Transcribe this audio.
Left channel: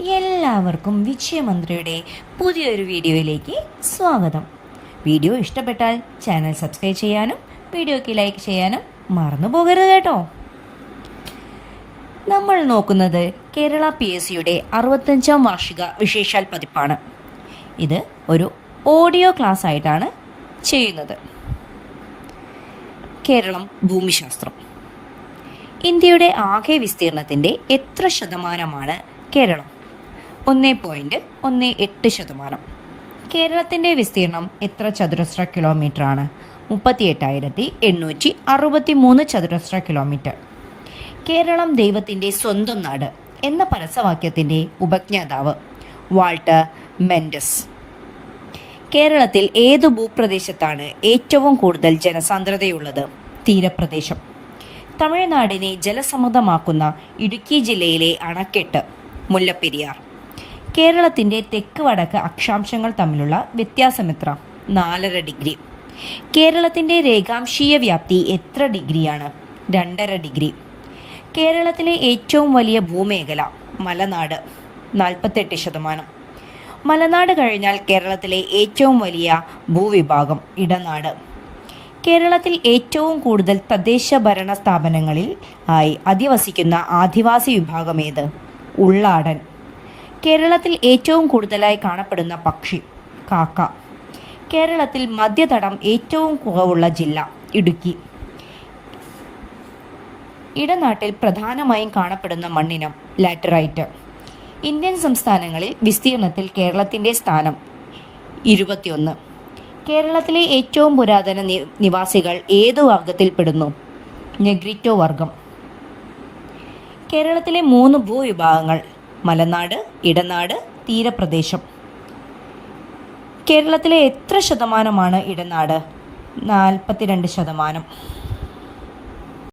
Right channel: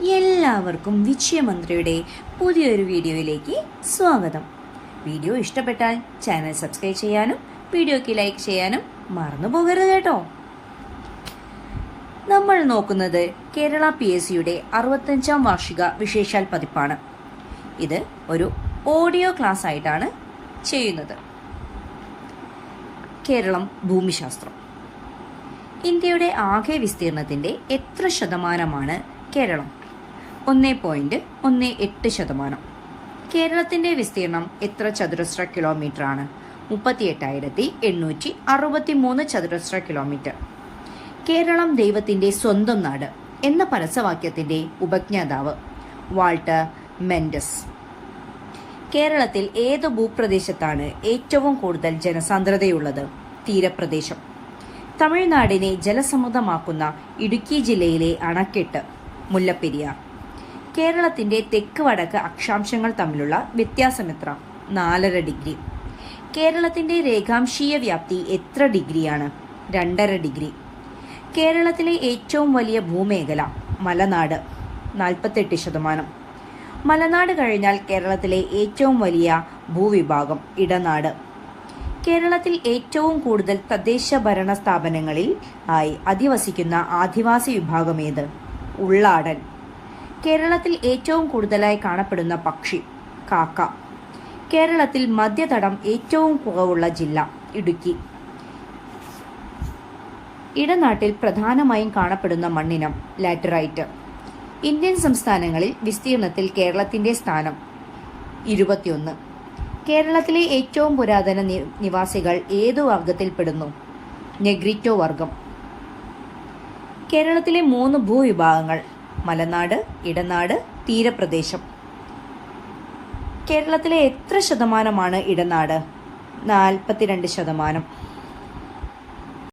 എല്ലാവർക്കും വിജയമന്ത്രിയുടെ പുതിയൊരു വീഡിയോയിലേക്ക് സ്വാഗതം. വീഡിയോ ഇഷ്ടപ്പെട്ടാൽ ചാനൽ സബ്സ്ക്രൈബ് ചെയ്യാനും വീഡിയോയ്ക്ക് ലൈക്ക് ചെയ്യാനും മറന്നു പോകരുത് കേട്ടോ. നമ്മൾ നോക്കുന്നത് കേരള PSCയുടെ 65ാം വാർഷിക വിശേഷാൽ പതിപ്പാണ്. ഇത് ഒരു ഓഡിയോ ക്ലാസ് ആയിട്ടാണ് ചെയ്യുന്നത്. കേരളം ഭൂമിശാസ്ത്രം. ഇന്ത്യയുടെ ആകെ വിസ്തീർണത്തിൻ്റെ എത്ര ശതമാനമാണ് കേരളം? 1.18%. കേരളത്തിൻ്റെ വിസ്തീർണം എത്ര ചതുരശ്ര കിലോമീറ്റർ ആണ്? 38,863 ചതുരശ്ര കിലോമീറ്റർ. കേരളം ദൈവത്തിൻ്റെ സ്വന്തം നാട് എന്ന പരസ്യവാക്യത്തിൻ്റെ ഉപജ്ഞാതാവ് വാൾട്ടർ മെൻഡസ്. കേരളത്തിൽ ഏതു ഭൂപ്രദേശത്താണ് ഏറ്റവും കൂടുതൽ ജനസാന്ദ്രതയുള്ളത്? തീരപ്രദേശം. തമിഴ്നാടിനെ ജലസമൃദ്ധമാക്കുന്ന ഇടുക്കി ജില്ലയിലെ അണക്കെട്ട് മുല്ലപ്പെരിയാർ. കേരളത്തിൻ്റെ തെക്ക് വടക്ക് അക്ഷാംശങ്ങൾ തമ്മിലുള്ള വ്യത്യാസം എത്ര? 4.5 ഡിഗ്രി. കേരളത്തിൻ്റെ രേഖാംശീയ വ്യാപ്തി എത്ര ഡിഗ്രിയാണ്? 2.5 ഡിഗ്രി. കേരളത്തിലെ ഏറ്റവും വലിയ ഭൂമേഖല മലനാട്, 48%. മലനാട് കഴിഞ്ഞാൽ കേരളത്തിലെ ഏറ്റവും വലിയ ഭൂവിഭാഗം ഇടനാട്. കേരളത്തിൽ ഏറ്റവും കൂടുതൽ തദ്ദേശ ഭരണ സ്ഥാപനങ്ങളിൽ ആയി അധിവസിക്കുന്ന ആദിവാസി വിഭാഗം ഏത്? ഉള്ളാടൻ. കേരളത്തിൽ ഏറ്റവും കൂടുതലായി കാണപ്പെടുന്ന പക്ഷി കാക്ക. കേരളത്തിൽ മധ്യതടം ഏറ്റവും കുറവുള്ള ജില്ല ഇടുക്കി. ഇടനാട്ടിൽ പ്രധാനമായും കാണപ്പെടുന്ന മണ്ണിനം ലാറ്ററൈറ്റ്. ഇന്ത്യൻ സംസ്ഥാനങ്ങളിൽ വിസ്തീർണത്തിൽ കേരളത്തിൻ്റെ സ്ഥാനം 21. കേരളത്തിലെ ഏറ്റവും പുരാതന നിവാസികൾ ഏതു വർഗത്തിൽപ്പെടുന്നു? നെഗ്രിറ്റോ വർഗം. കേരളത്തിലെ 3 ഭൂവിഭാഗങ്ങൾ മലനാട്, ഇടനാട്, തീരപ്രദേശം. കേരളത്തിലെ എത്ര ശതമാനമാണ് ഇടനാട്? 42%.